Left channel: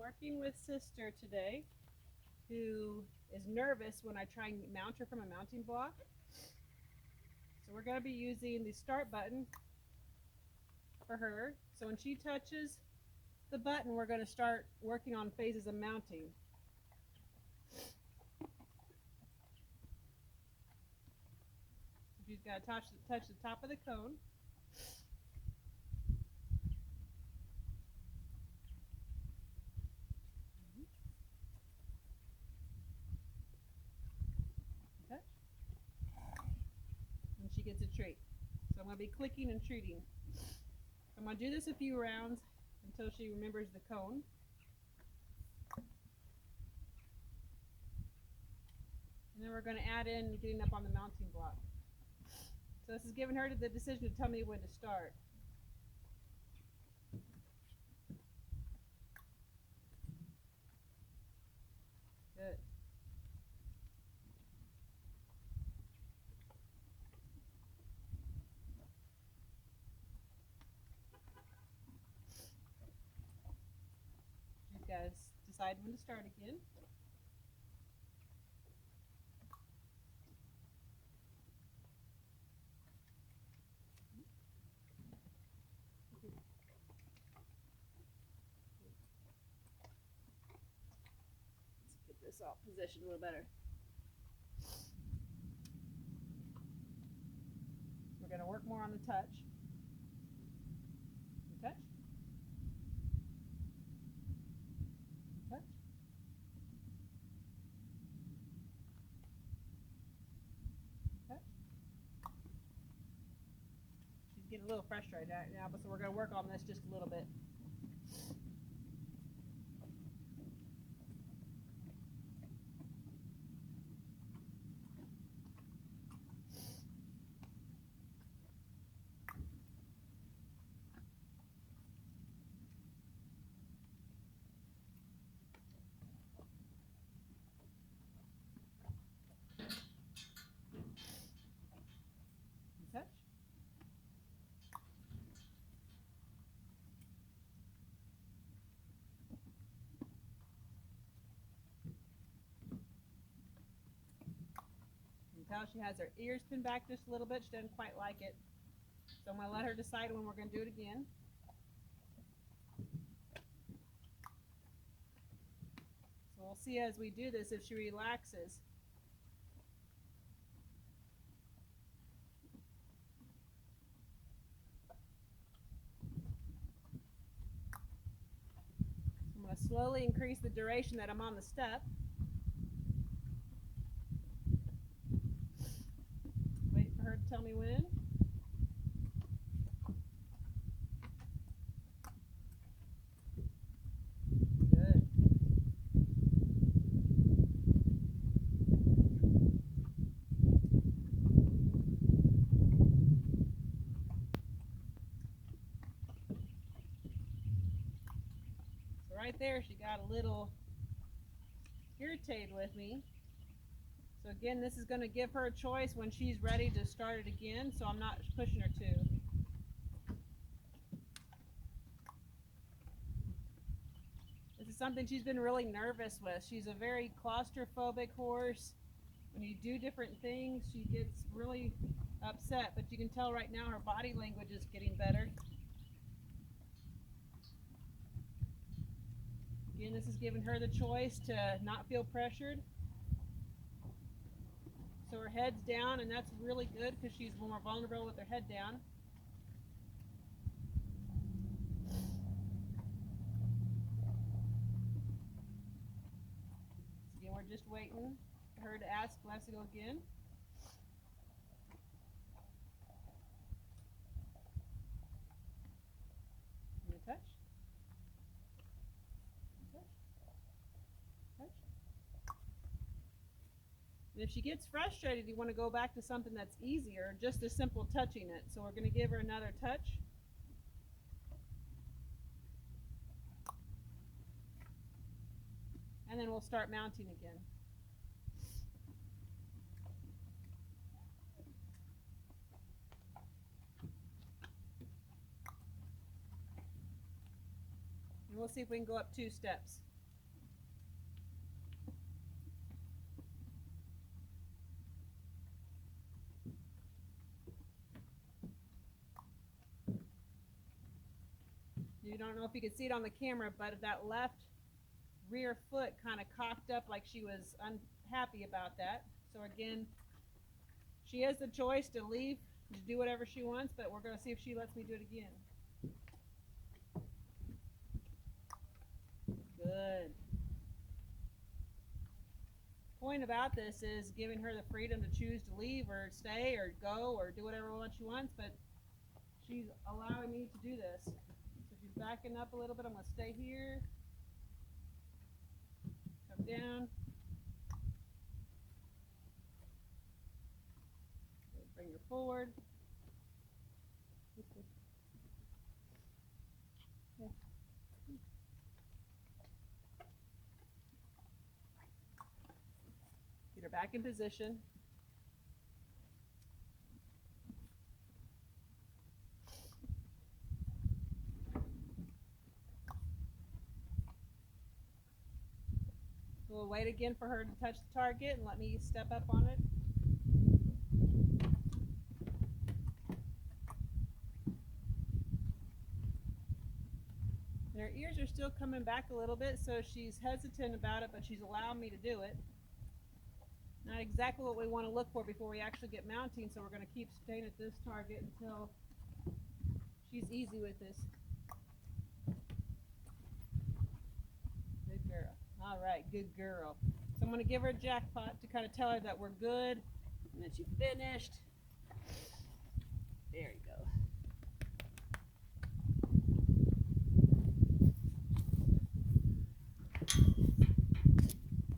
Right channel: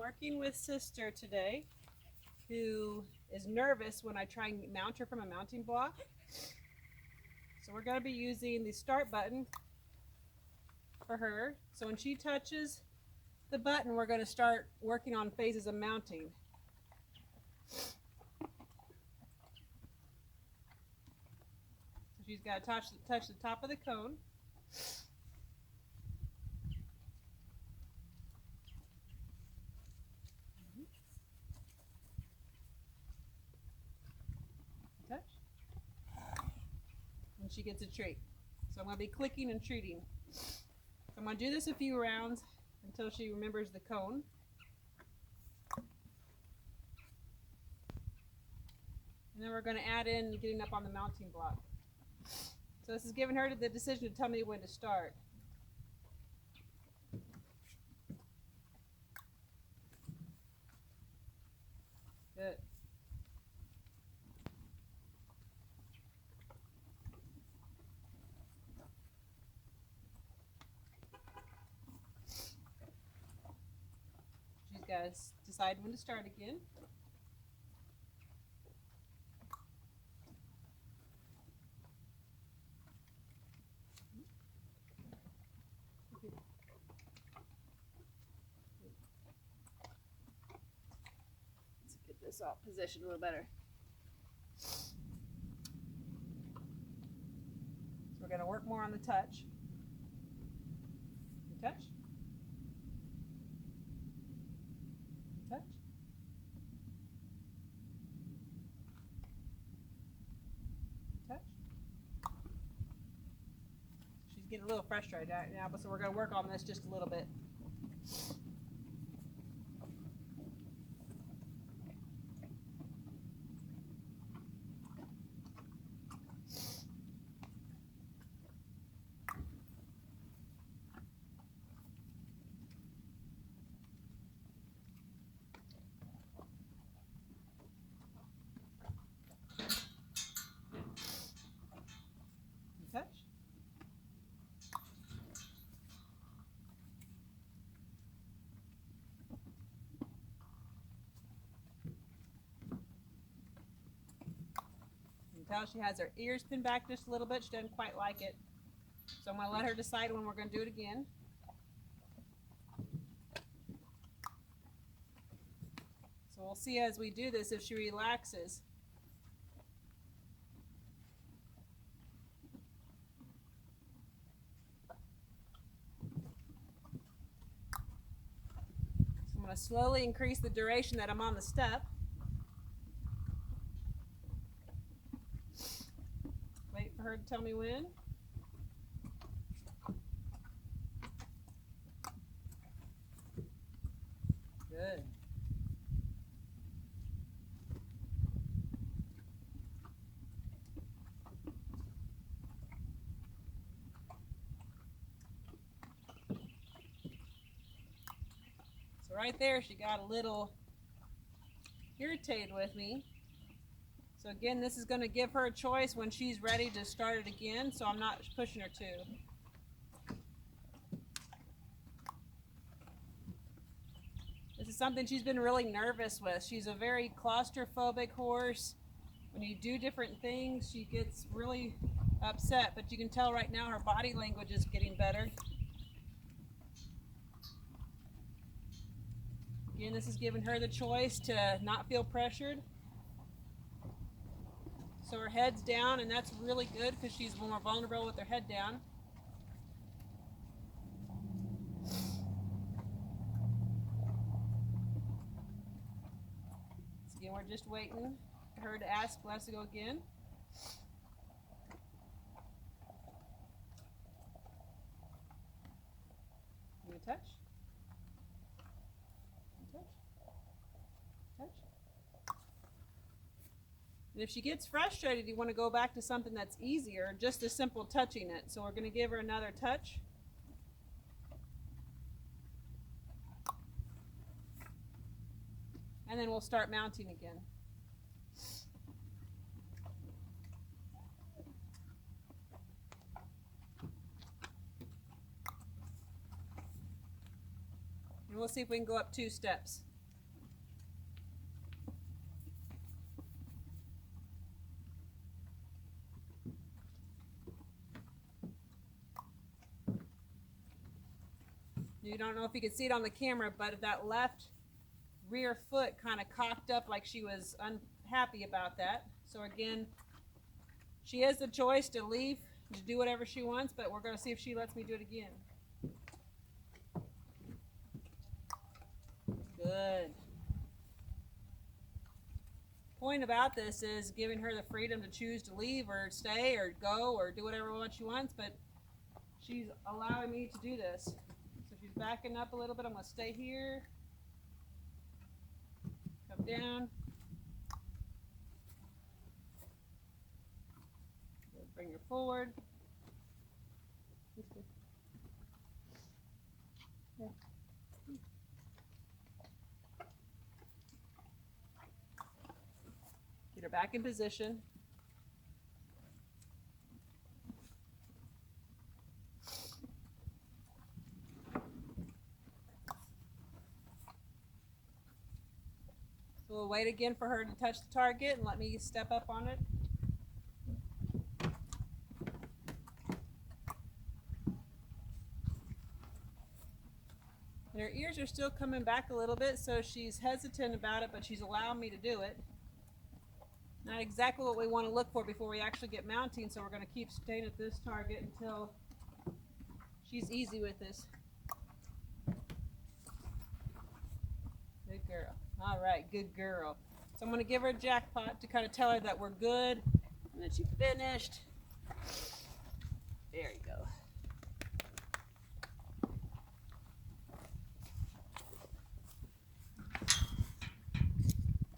working with Sister today, who is nervous when I try and mount her from a mounting block. So we're going to be using the start button for her. So when she touches the button, we're going to start working on phases of mounting. So she's got to touch the top of the cone. Touch. And she gets a treat. So I'm going to be clicking and treating. So I'm going to do this a few rounds until she remembers the cone. And then we're going to add in getting up on the mounting block. So this is giving her the decision to tell me when to start. Good. She's got to decide when to start again. Let's get this all positioned a little better. So we're going to work more on the touch. Touch. Touch. Touch. She's getting a little frustrated right now, but so we're going to work on this just a little bit. Touch. You can tell she has her ears pinned back just a little bit. She doesn't quite like it. So I'm going to let her decide when we're going to do it again. So we'll see as we do this if she relaxes. So I'm going to slowly increase the duration that I'm on the step. Wait for her to tell me when. Good. So right there, she got a little irritated with me. So again, this is going to give her a choice when she's ready to start it again, so I'm not pushing her to. This is something she's been really nervous with. She's a very claustrophobic horse. When you do different things, she gets really upset, but you can tell right now her body language is getting better. Again, this is giving her the choice to not feel pressured. So her head's down, and that's really good because she's more vulnerable with her head down. So again, we're just waiting for her to ask us to go again. Give me a touch. Touch. Touch. And if she gets frustrated, you want to go back to something that's easier, just a simple touching it. So we're going to give her another touch. And then we'll start mounting again. And we'll see if we can go up 2 steps. You don't know if you can see it on the camera, but that left rear foot kind of cocked up like she was unhappy about that. So again, she has the choice to leave, to do whatever she wants, but we're going to see if she lets me do it again. Good. Point about this is giving her the freedom to choose to leave or stay or go or do whatever she wants, but she's allowing me to do this. So if she's backing up a little bit, I'm going to stay here. Come down. Bring her forward. Yeah. Get her back in position. So we'll wait again for her to touch the target and let me step up on it. And her ears are still coming back a little bit, so she's hesitant about it, but she's allowing me to do it. Not exactly what we want to look for before we actually get mounting, so we're going to keep staying at this target until she's easy with this. Good girl. All right, good girl. So I'm going to give her a jackpot to kind of tell her that we're good and that she finished. There you go.